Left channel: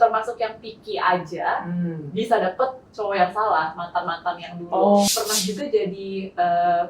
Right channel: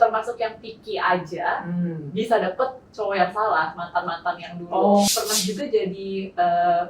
termasuk yang picky aja, bisa dapet cowok yang salah, mantan-mantan yang dulu. Pernah juga jadi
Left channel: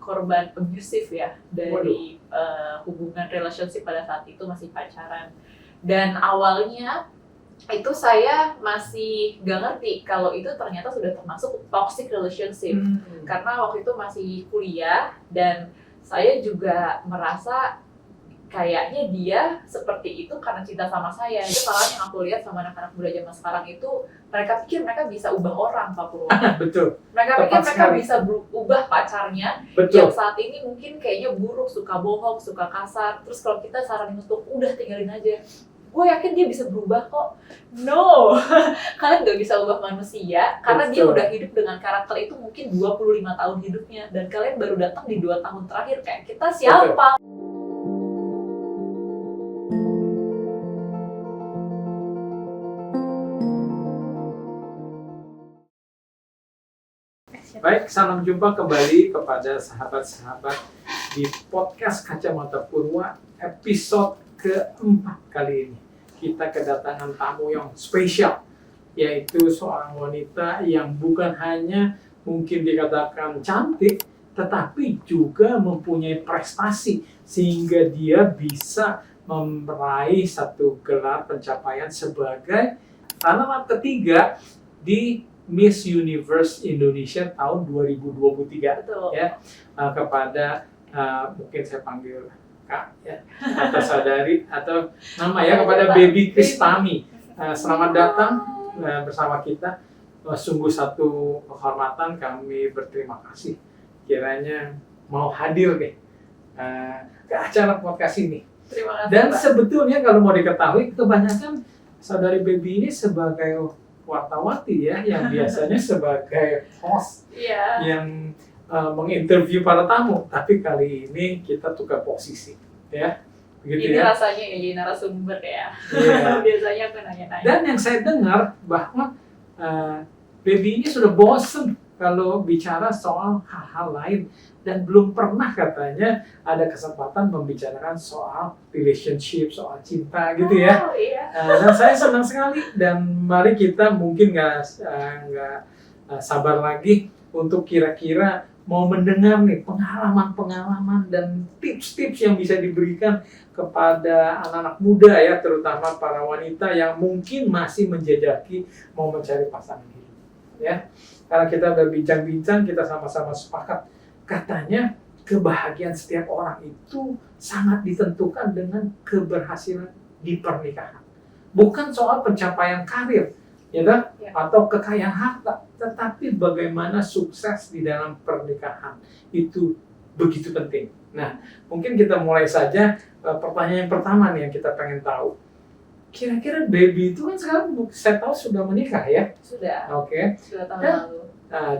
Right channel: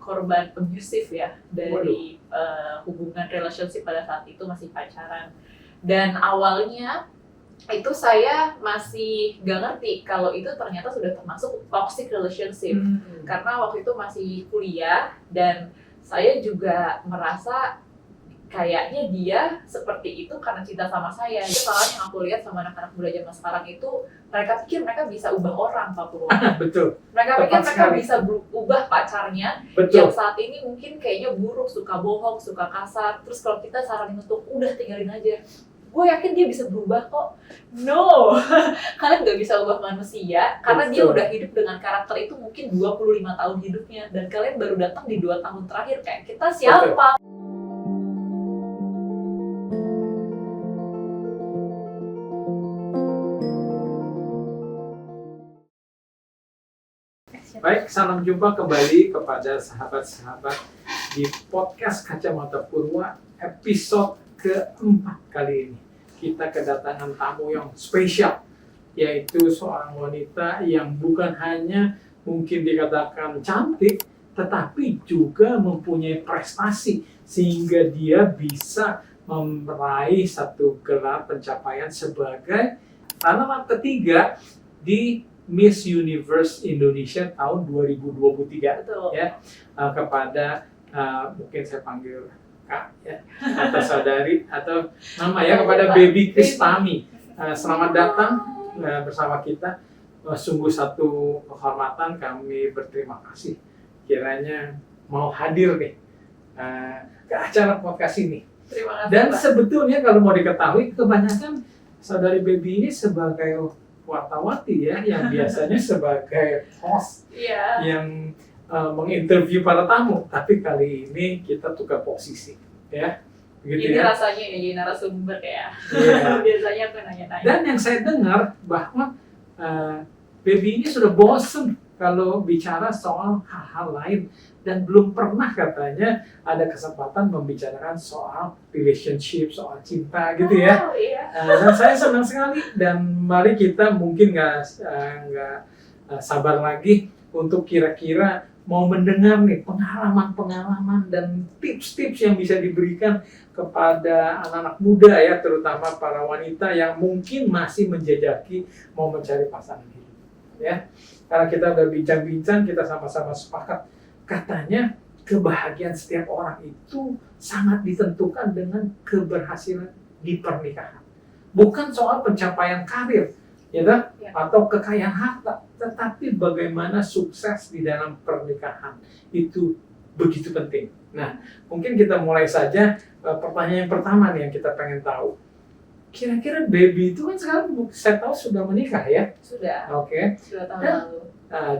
korban abusive ya, dari hubungan relationship pada saat itu masih pacaran. Dan awalnya itu saya masih gak ngerti kalau itu ternyata sudah termasuk toxic relationship. Karena waktu itu masih kuliah dan saya juga merasa kayaknya dia seperti itu karena cinta sama saya. Itu salah yang aku lihat sama anak-anak muda zaman sekarang itu, mereka pikir mereka bisa ubah orang, Pak Purwo. Betul. Mereka pikir mereka bisa ubah pacarnya. Betul. Yang saat ini mungkin kayaknya buruk, suka bohong, suka kasar. Terus kalau kita saranin untuk udah tinggalin aja, gue yakin dia bisa berubah kok. No, kalian gak bisa ubah manusia karena dia udah hidup dengan karakter itu mungkin 25 tahun hidupnya, dan kalian baru datang di 2 tahun terakhir. Kayak kita siapa? Baik, salam jumpa kembali kepada sahabat-sahabat di podcast Kacamata Purwa episode keempat kali ini. Kita kedatangan tamu yang spesial, yaitu seorang wanita yang bukan hanya mungkin dikatakan cantik, tetapi juga mempunyai prestasi sehingga dia bisa meraih satu gelar pencapaian sebagai alamat ketiga di Miss Universe Indonesia tahun 2023. Betul. Ya, kepada mungkin saya panggil Kak ya, atau saudari atau nama ya, kepada Baby Kristami. Selamat datang bersama kita. Sungguh satu kehormatan, kami berterima kasih kiranya mau hadir nih ke acara podcast ini. Terima kasih. Dan Pak. Sebetulnya kalau mau diketahui, kebanyakan saudari Baby ini sebagai wartawati ya, yang biasanya sebagai host yang menginterview para tamu, tapi kali ini kita tukar posisi ya. Begitu ini ya? Rasanya ya jadi narasumber ya. Yeah. Biasanya aku nanya-nanya. Dan yang saya dengar bahwa Baby ini sudah bosen kalau bicara soal hal-hal lain dan belum pernah katanya ada kesempatan membicarakan soal relationship, soal cinta gitu ya. Oh, iya. Dan saya senang sekali, dan mari kita mungkin nggak sabar lagi untuk kira-kira mau mendengar nih pengalaman-pengalaman dan tips-tips yang bisa diberikan kepada anak-anak muda ya, terutama para wanita yang mungkin masih menjajaki mau mencari pasangan hidup ya. Karena kita udah bincang-bincang, kita sama-sama sepakat katanya kebahagiaan setiap orang itu sangat ditentukan dengan keberhasilan di pernikahan. Bukan soal pencapaian karir, ya kan? Ya. Atau kekayaan harta, tetapi bagaimana sukses di dalam pernikahan itu begitu penting. Nah, mungkin kita mulai saja. Pertanyaan yang pertama nih yang kita pengen tahu. Kira-kira Baby itu kan sekarang saya tahu sudah menikah ya? Sudah. Oke. 2 tahun lalu.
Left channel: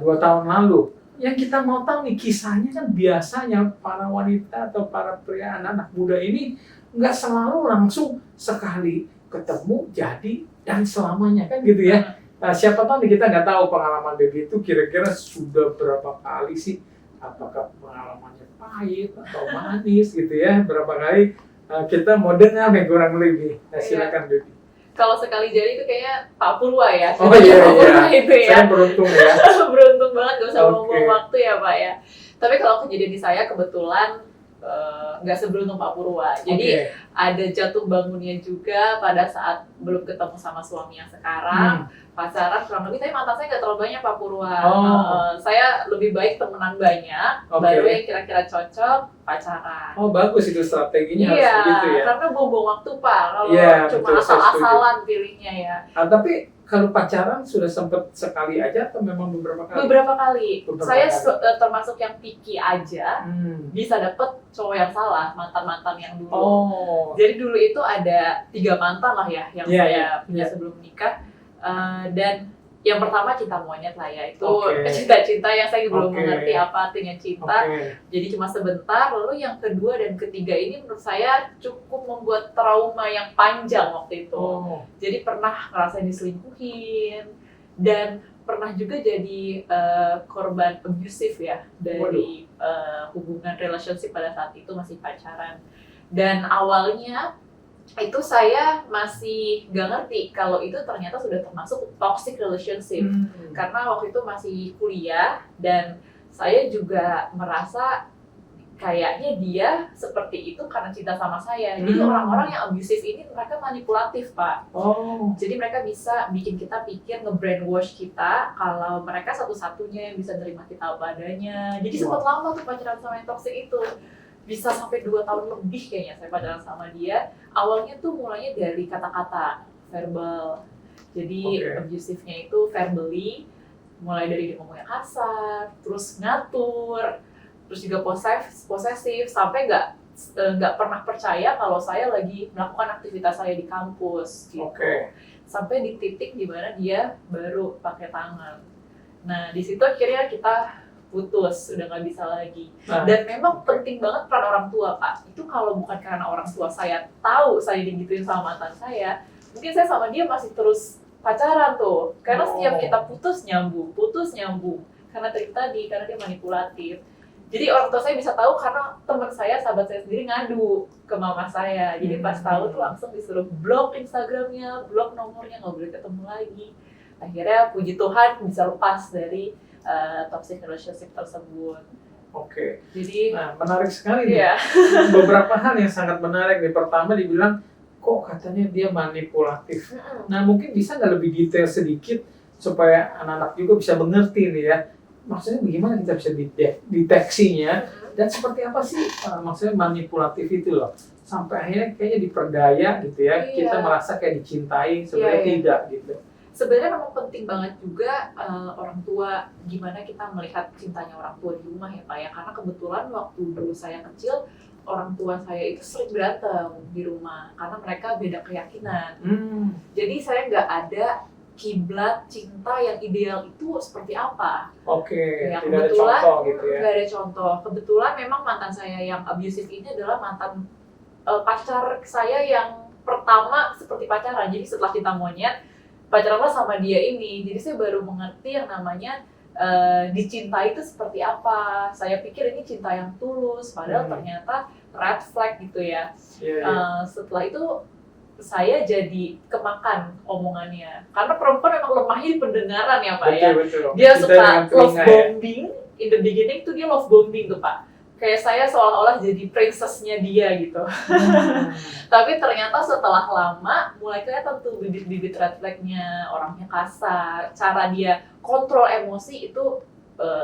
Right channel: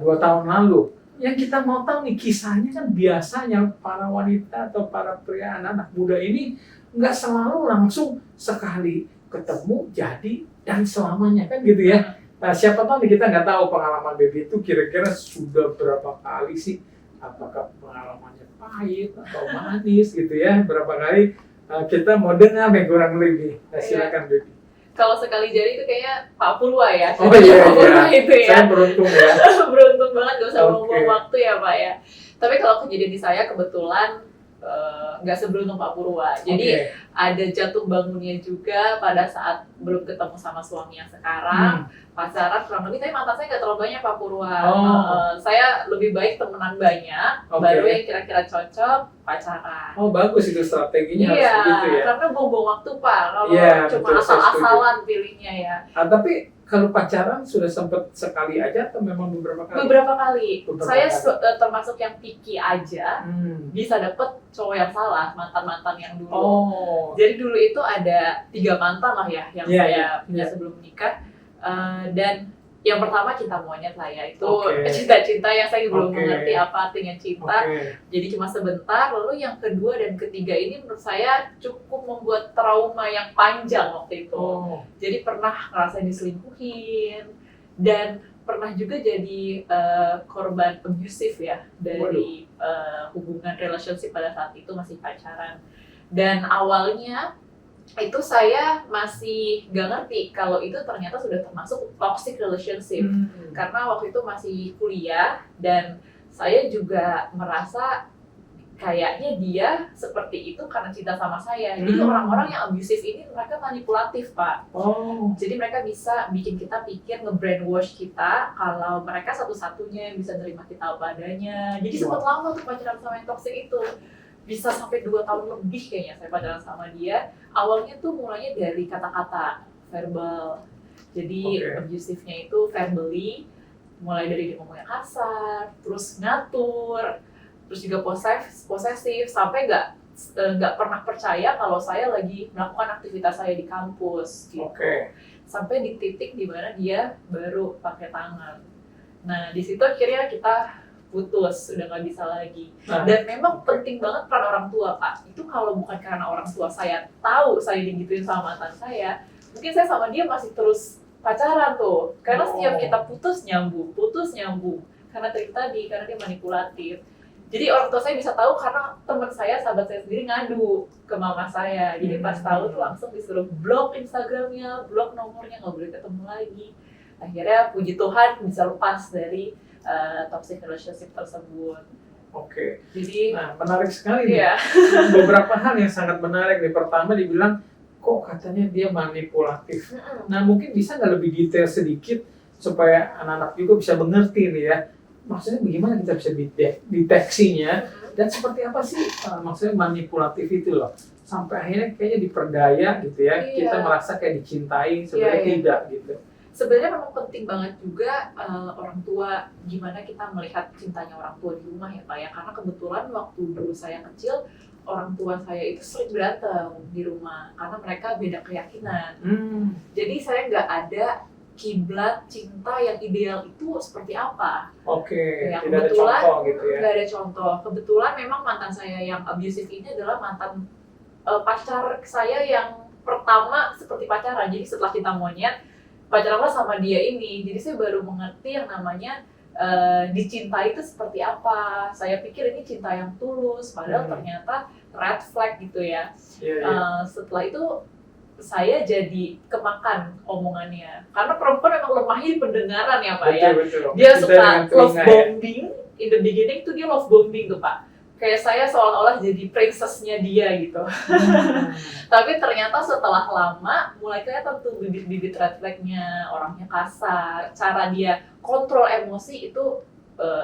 2 tahun lalu. Yang kita mau tahu nih kisahnya, kan biasanya para wanita atau para pria anak-anak muda ini nggak selalu langsung sekali ketemu jadi dan selamanya kan gitu ya. Siapa tahu nih, kita nggak tahu pengalaman Baby itu kira-kira sudah berapa kali sih, apakah pengalamannya pahit atau manis gitu ya, berapa kali. Kita mau dengar nih kurang lebih. Silakan Baby. Kalau sekali jadi itu kayaknya Pak Purwa ya. Oh iya, Pak Purwa itu ya. Saya beruntung ya. Beruntung banget, gak usah Oke. buang waktu ya Pak ya. Tapi kalau kejadian di saya kebetulan nggak seberuntung Pak Purwa. Jadi ada jatuh bangunnya juga pada saat belum ketemu sama suami yang sekarang. Pacaran kurang lebih, tapi mantan saya nggak terlalu banyak Pak Purwa. Saya lebih baik temenan banyak, baru yang kira-kira cocok pacaran. Oh bagus itu strateginya, Iya, harus begitu ya. karena buang-buang waktu Pak, kalau cuma betul, saya asal-asalan pilihnya ya. Tapi kalau pacaran sudah sempat sekali aja atau memang beberapa kali? Beberapa kali. Saya termasuk yang picky aja, bisa dapet cowok yang salah, mantan-mantan yang dulu. Jadi dulu itu ada 3 mantan lah ya, yang saya punya sebelum menikah. Dan yang pertama cinta monyet lah ya, itu cinta-cinta yang saya belum mengerti apa artinya cinta. Jadi cuma sebentar. Lalu yang kedua dan ketiga ini menurut saya cukup membuat trauma yang panjang waktu itu. Jadi pernah ngerasain diselingkuhin, dan pernah juga jadi korban abusive ya, dari hubungan relationship pada saat itu masih pacaran. Dan awalnya Itu saya masih gak ngerti kalau itu ternyata sudah termasuk toxic relationship. Karena waktu itu masih kuliah dan saya juga merasa kayaknya dia seperti itu karena cinta sama saya. Jadi orang-orang yang abusive ini mereka manipulatif, Pak. Jadi mereka bisa bikin kita pikir, nge-brainwash kita kalau mereka satu-satunya yang bisa nerima kita apa adanya. Jadi sempat lama tuh pacaran sama yang toxic itu. Bisa sampai 2 tahun lebih kayaknya saya pacaran sama dia. Awalnya tuh mulainya dari kata-kata verbal. Jadi abusive-nya itu verbally, mulai dari dia ngomongnya kasar, terus ngatur, terus juga posesif, sampai nggak pernah percaya kalau saya lagi melakukan aktivitas saya di kampus gitu. Sampai di titik di mana dia baru pakai tangan. Nah di situ akhirnya kita putus, udah nggak bisa lagi. Dan memang penting banget peran orang tua, Pak. Itu kalau bukan karena orang tua saya tahu saya digituin sama mantan saya, mungkin saya sama dia masih terus pacaran tuh. Karena setiap kita putus nyambung. Karena tadi, karena dia manipulatif. Jadi orang tua saya bisa tahu karena teman saya, sahabat saya sendiri ngadu ke mama saya. Jadi pas tahu tuh langsung disuruh blok Instagramnya, blok nomornya, nggak boleh ketemu lagi. Akhirnya puji Tuhan bisa lepas dari toxic relationship tersebut. Jadi menarik sekali nih. Beberapa hal yang sangat menarik nih. Pertama dibilang kok katanya dia manipulatif. Nah mungkin bisa nggak lebih detail sedikit supaya anak-anak juga bisa mengerti nih ya. Maksudnya bagaimana kita bisa deteksinya dan seperti apa sih maksudnya manipulatif itu loh, sampai akhirnya kayaknya diperdaya gitu ya, kita merasa kayak dicintai sebenarnya tidak gitu. Sebenarnya memang penting banget juga orang tua, gimana kita melihat cintanya orang tua di rumah ya Pak ya, karena kebetulan waktu dulu saya kecil orang tua saya itu sering berantem di rumah karena mereka beda keyakinan. Jadi saya nggak ada kiblat cinta yang ideal itu seperti apa. Ya, kebetulan tidak ada contoh gitu ya. Nggak ada contoh. Kebetulan memang mantan saya yang abusive ini adalah mantan pacar saya yang pertama seperti pacaran. Jadi setelah cinta monyet, pacaranlah sama dia ini. Jadi saya baru mengerti yang namanya dicintai itu seperti apa. Saya pikir ini cinta yang tulus, padahal ternyata red flag gitu ya. Setelah itu saya jadi kemakan omongannya, karena perempuan memang lemahnya di pendengaran ya Pak ya. Dia suka love bombing, in the beginning tuh dia love bombing tuh Pak. Kayak saya seolah-olah jadi princessnya dia gitu. Tapi ternyata setelah lama mulai kelihatan tuh bibit-bibit red flagnya, orangnya kasar, cara dia kontrol emosi itu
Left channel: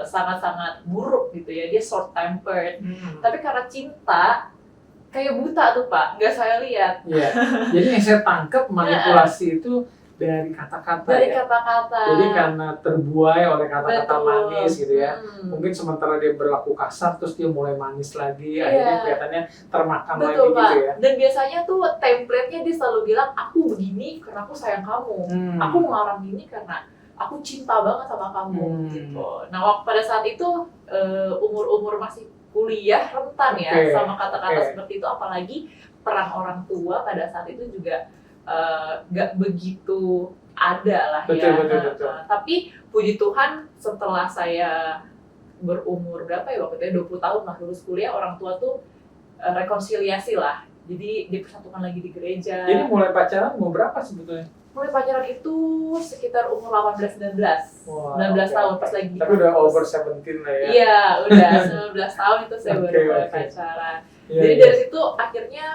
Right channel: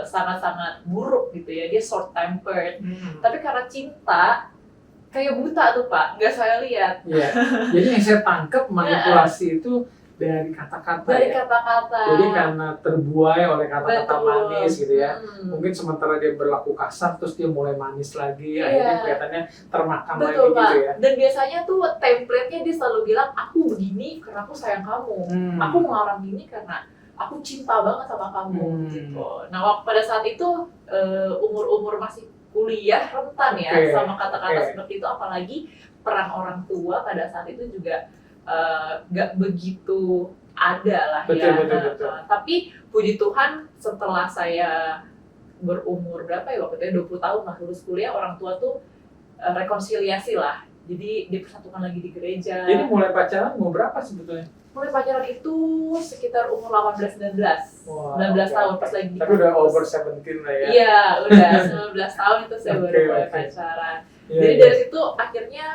sangat-sangat buruk gitu ya. Dia short tempered. Tapi karena cinta kayak buta tuh Pak, nggak saya lihat. Jadi yang saya tangkap manipulasi itu dari kata-kata. Jadi karena terbuai oleh kata-kata manis gitu ya. Mungkin sementara dia berlaku kasar, terus dia mulai manis lagi, akhirnya kelihatannya termakan lagi Pak. gitu ya. Dan biasanya tuh template-nya dia selalu bilang, aku begini karena aku sayang kamu. Aku melarang ini karena aku cinta banget sama kamu gitu. Nah pada saat itu umur-umur masih kuliah rentan ya sama kata-kata seperti itu, apalagi peran orang tua pada saat itu juga gak begitu ada lah ya. Betul. Tapi puji Tuhan setelah saya berumur berapa ya waktu itu 20 tahun lah lulus kuliah, orang tua tuh rekonsiliasi lah. Jadi dipersatukan lagi di gereja. Jadi mulai pacaran umur berapa sebetulnya? Mulai pacaran itu sekitar umur 18-19 tahun pas lagi. Tapi udah over 17 lah ya? Iya, udah 19 tahun itu saya baru mulai pacaran. Jadi dari situ akhirnya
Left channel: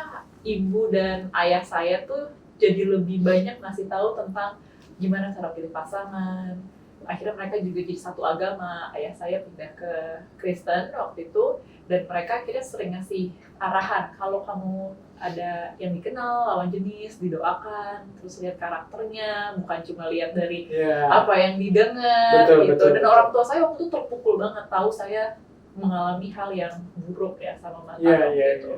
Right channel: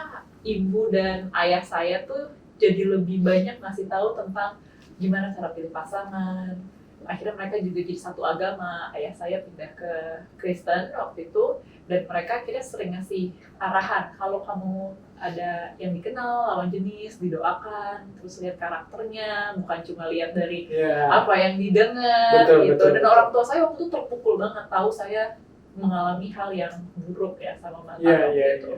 ibu dan ayah saya tuh jadi lebih banyak ngasih tahu tentang gimana cara pilih pasangan. Akhirnya mereka juga jadi satu agama. Ayah saya pindah ke Kristen waktu itu, dan mereka akhirnya sering ngasih arahan, kalau kamu ada yang dikenal lawan jenis didoakan, terus lihat karakternya, bukan cuma lihat dari apa yang didengar gitu. Dan orang tua saya waktu itu terpukul banget tahu saya mengalami hal yang buruk ya sama mantan gitu.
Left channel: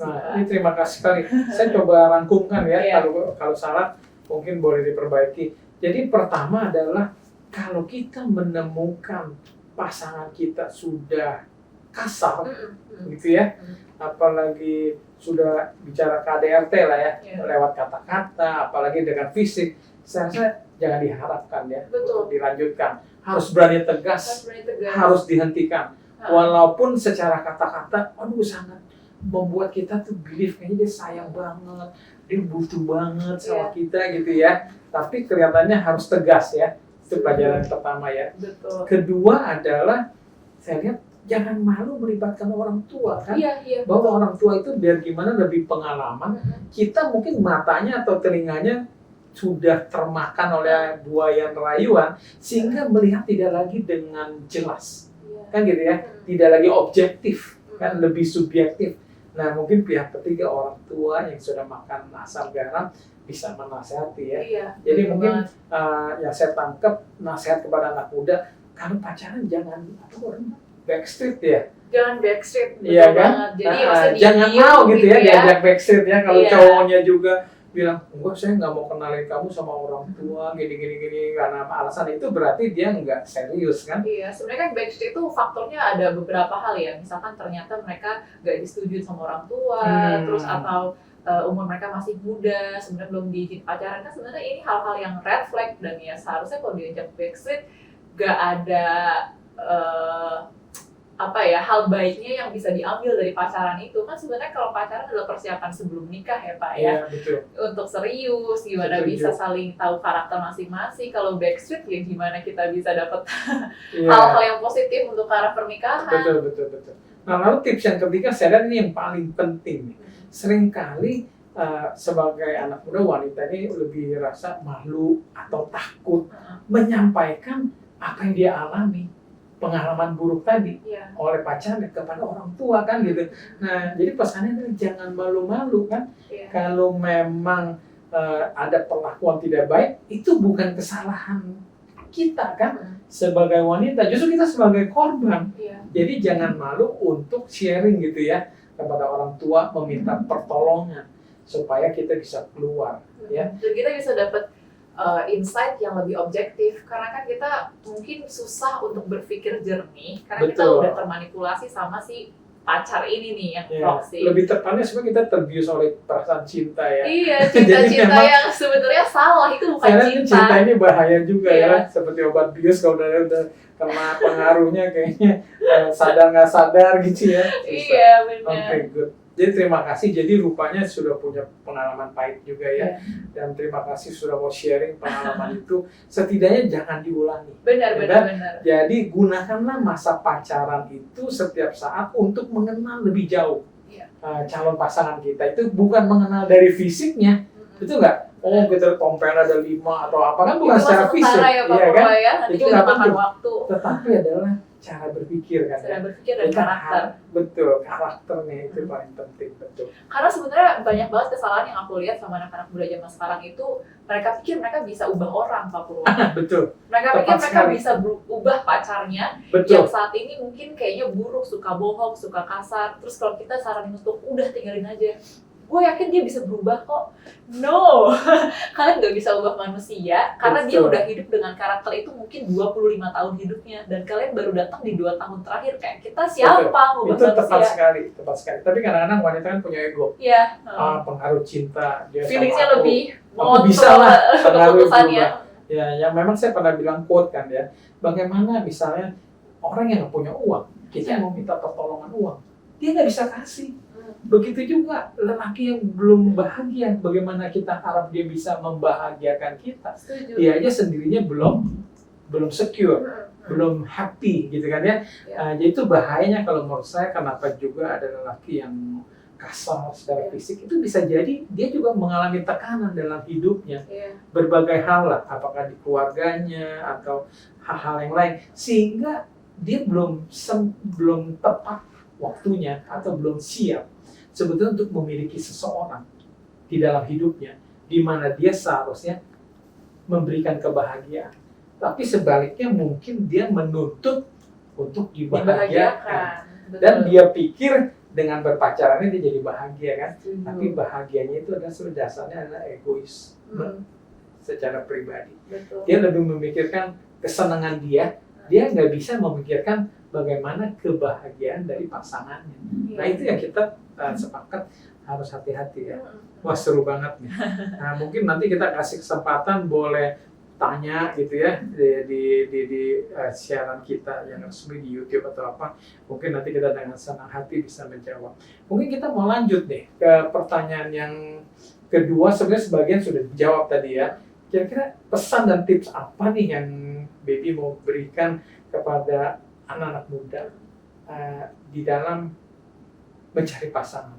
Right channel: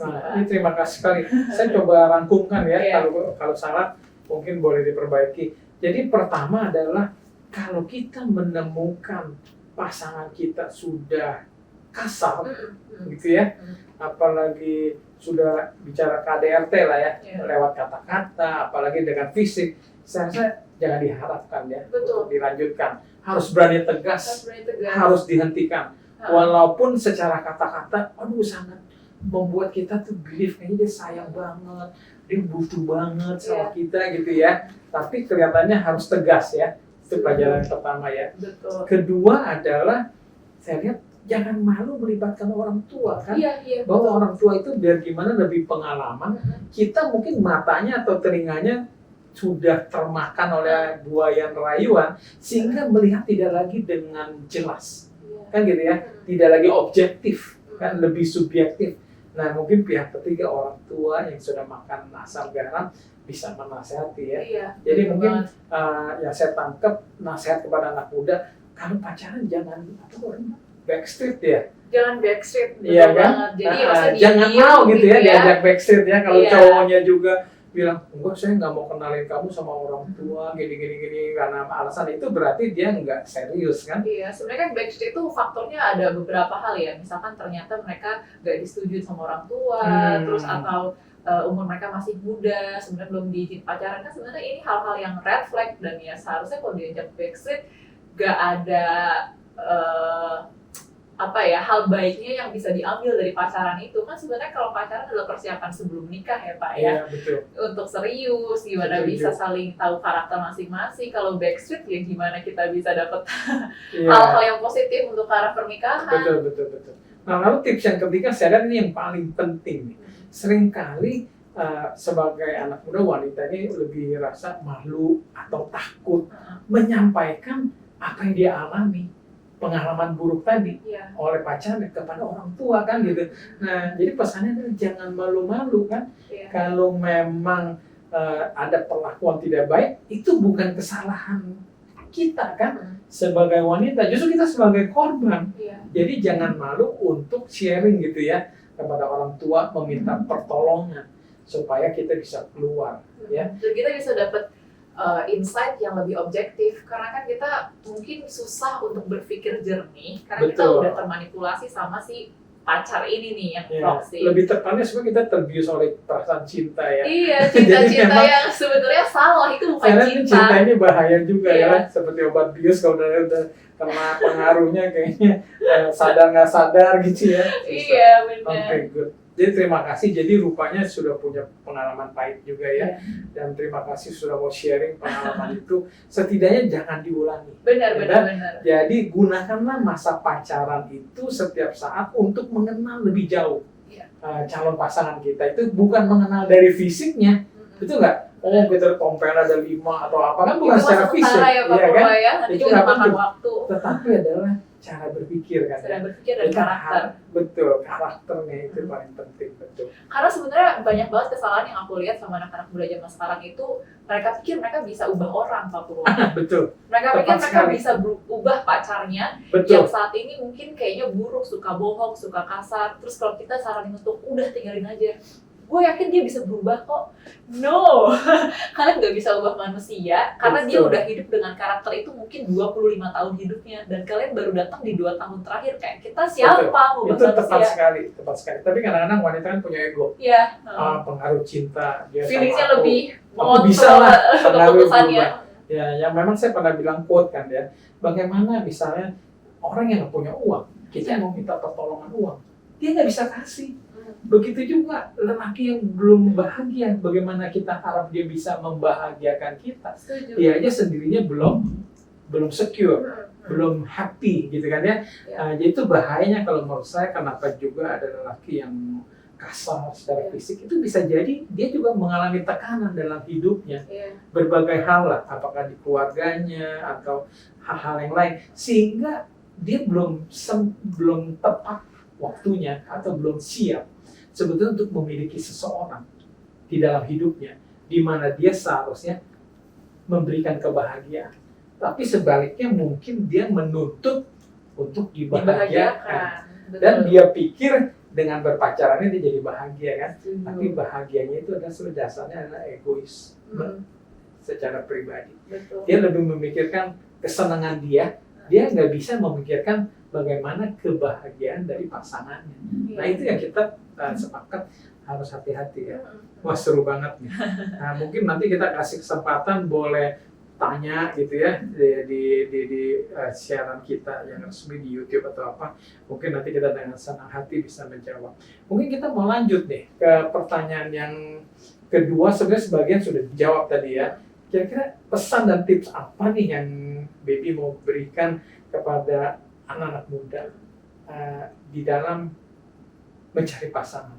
Nah, ini terima kasih sekali. Saya coba rangkumkan ya, kalau salah mungkin boleh diperbaiki. Jadi pertama adalah kalau kita menemukan pasangan kita sudah kasar gitu ya, apalagi sudah bicara KDRT lah ya, lewat kata-kata, apalagi dengan fisik, saya rasa jangan diharapkan ya untuk dilanjutkan. Harus berani tegas, harus dihentikan. Walaupun secara kata-kata, aduh sangat membuat kita tuh believe kayaknya dia sayang banget, dia butuh banget sama kita gitu ya. Tapi kelihatannya harus tegas ya. Itu pelajaran pertama ya. Betul. Kedua adalah saya lihat jangan malu melibatkan orang tua kan. Iya, Bahwa orang tua itu biar gimana lebih pengalaman. Kita mungkin matanya atau telinganya sudah termakan oleh buayan rayuan sehingga melihat tidak lagi dengan jelas. Kan gitu ya. Tidak lagi objektif, kan lebih subjektif. Nah, mungkin pihak ketiga orang tua yang sudah makan asam garam bisa menasehati ya. Iya, jadi mungkin yang saya tangkap nasihat kepada anak muda, kalau pacaran jangan backstreet ya. Jangan backstreet, betul Iya kan? banget. Jadi maksudnya jangan mau gitu ya diajak backstreet ya. Kalau Iya. cowoknya juga bilang, enggak saya nggak mau kenalin kamu sama orang tua gini karena alasan itu berarti dia nggak serius kan? Iya, sebenarnya kan backstreet itu faktornya ada beberapa hal ya. Misalkan ternyata mereka nggak disetujui sama orang tua, terus atau umur mereka masih muda, sebenarnya belum diizin pacaran, kan sebenarnya ini hal-hal yang red flag dan ya seharusnya kalau diajak backstreet nggak ada hal baiknya yang bisa diambil dari pacaran itu. Kan sebenarnya kalau pacaran adalah persiapan sebelum nikah ya Pak ya. Iya, betul. Untuk serius, gimana Setuju. bisa saling tahu karakter masing-masing. Kalau backstreet ya gimana kita bisa dapat Iya. hal-hal yang positif untuk arah pernikahan. Betul. Nah, lalu tips yang ketiga saya lihat ini yang paling penting nih. Seringkali sebagai anak muda wanita ini lebih rasa malu atau takut menyampaikan apa yang dia alami, pengalaman buruk tadi oleh pacarnya kepada orang tua kan gitu. Nah, jadi pesannya adalah jangan malu-malu kan. Kalau memang ada perlakuan tidak baik, itu bukan kesalahan kita kan sebagai wanita, justru kita sebagai korban. Jadi jangan malu untuk sharing gitu ya kepada orang tua, meminta pertolongan supaya kita bisa keluar ya. Dan kita bisa dapat insight yang lebih objektif, karena kan kita mungkin susah untuk berpikir jernih karena kita Betul. udah termanipulasi sama si pacar ini nih yang toxic. Lebih tepatnya sebenarnya kita terbius oleh perasaan cinta ya. Iya, cinta-cinta memang- yang sebetulnya salah, itu bukan Karena cinta. cinta ini bahaya juga Iya. ya, seperti obat bius kalau udah kena pengaruhnya kayaknya sadar nggak sadar gitu ya. Iya, benar. Oke, good. Jadi terima kasih. Jadi rupanya sudah punya pengalaman pahit juga ya. Dan terima kasih sudah mau sharing pengalaman itu. Setidaknya jangan diulangi. Benar. Jadi gunakanlah masa pacaran itu setiap saat untuk mengenal lebih jauh calon pasangan kita. Itu bukan mengenal dari fisiknya, betul nggak? Oh, kita tompel ada 5 atau apa kan bukan Itu secara mah fisik, sementara ya Pak iya kan? Purwa ya, nanti Itu kita nggak makan penting. waktu. Tetapi adalah cara berpikir kan. Cara berpikir dan Kita karakter. Betul, karakternya itu paling penting, betul. Karena sebenarnya banyak banget kesalahan yang aku lihat sama anak-anak muda zaman sekarang itu, mereka pikir mereka bisa ubah orang Pak Purwa. Betul, Mereka Tepat pikir mereka sekali. bisa ubah pacarnya betul. yang saat ini mungkin kayaknya buruk, suka bohong, suka kasar. Terus kalau kita saranin untuk udah tinggalin aja, gue yakin dia bisa berubah kok. No, kalian gak bisa ubah manusia karena dia Betul. udah hidup dengan karakter itu mungkin 25 tahun hidupnya, dan kalian baru datang di 2 tahun terakhir. Kayak kita siapa ngubah Itu tepat manusia? sekali. Tapi kadang-kadang wanita kan punya ego. Iya, Pengaruh cinta dia sama feelingsnya aku. lebih Aku bisa lah, pengaruh keputusannya. berubah. Ya memang saya pernah bilang quote kan ya. Bagaimana misalnya orang yang nggak punya uang, kita mau minta pertolongan uang, dia nggak bisa kasih. Begitu juga lelaki yang belum bahagia, bagaimana kita harap dia bisa membahagiakan kita? Setuju. Dia aja sendirinya belum secure, belum happy gitu kan ya. Jadi itu bahayanya kalau menurut saya. Kenapa juga ada lelaki yang kasar secara fisik, itu bisa jadi dia juga mengalami tekanan dalam hidupnya, berbagai hal lah, apakah di keluarganya atau hal-hal yang lain, sehingga dia belum tepat waktunya atau belum siap sebetulnya untuk memiliki seseorang di dalam hidupnya, di mana dia seharusnya memberikan kebahagiaan. Tapi sebaliknya mungkin dia menuntut untuk dibahagiakan. Dan dia pikir dengan berpacarannya dia jadi bahagia kan. Tapi bahagianya itu adalah dasarnya adalah egois secara pribadi. Betul. Dia lebih memikirkan kesenangan dia nggak bisa memikirkan bagaimana kebahagiaan dari pasangannya. Nah itu yang kita sepakat harus hati-hati ya. Wah seru banget nih. Nah mungkin nanti kita kasih kesempatan boleh tanya gitu ya di siaran kita yang resmi di YouTube atau apa, mungkin nanti kita dengan senang hati bisa menjawab. Mungkin kita mau lanjut nih ke pertanyaan yang kedua. Sebenarnya sebagian sudah dijawab tadi ya. Kira-kira pesan dan tips apa nih yang Baby mau berikan kepada anak-anak muda di dalam mencari pasangan?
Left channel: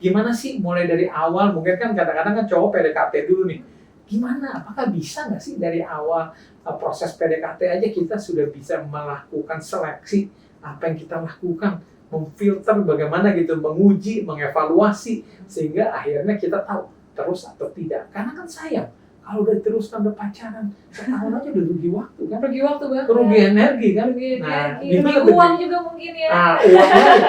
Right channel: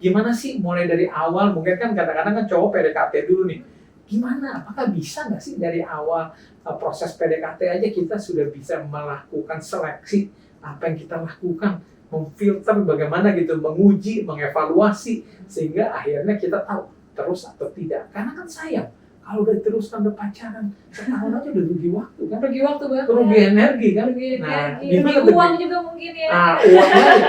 Gimana sih mulai dari awal? Mungkin kan kadang-kadang kan cowok PDKT dulu nih. Gimana? Apakah bisa nggak sih dari awal proses PDKT aja kita sudah bisa melakukan seleksi apa yang kita lakukan, memfilter bagaimana gitu, menguji, mengevaluasi sehingga akhirnya kita tahu terus atau tidak. Karena kan sayang kalau udah terus udah pacaran setahun aja udah rugi waktu kan, Rugi waktu banget. rugi energi kan. Rugi Nah, energi, rugi uang juga mungkin ya. Nah, uang lagi.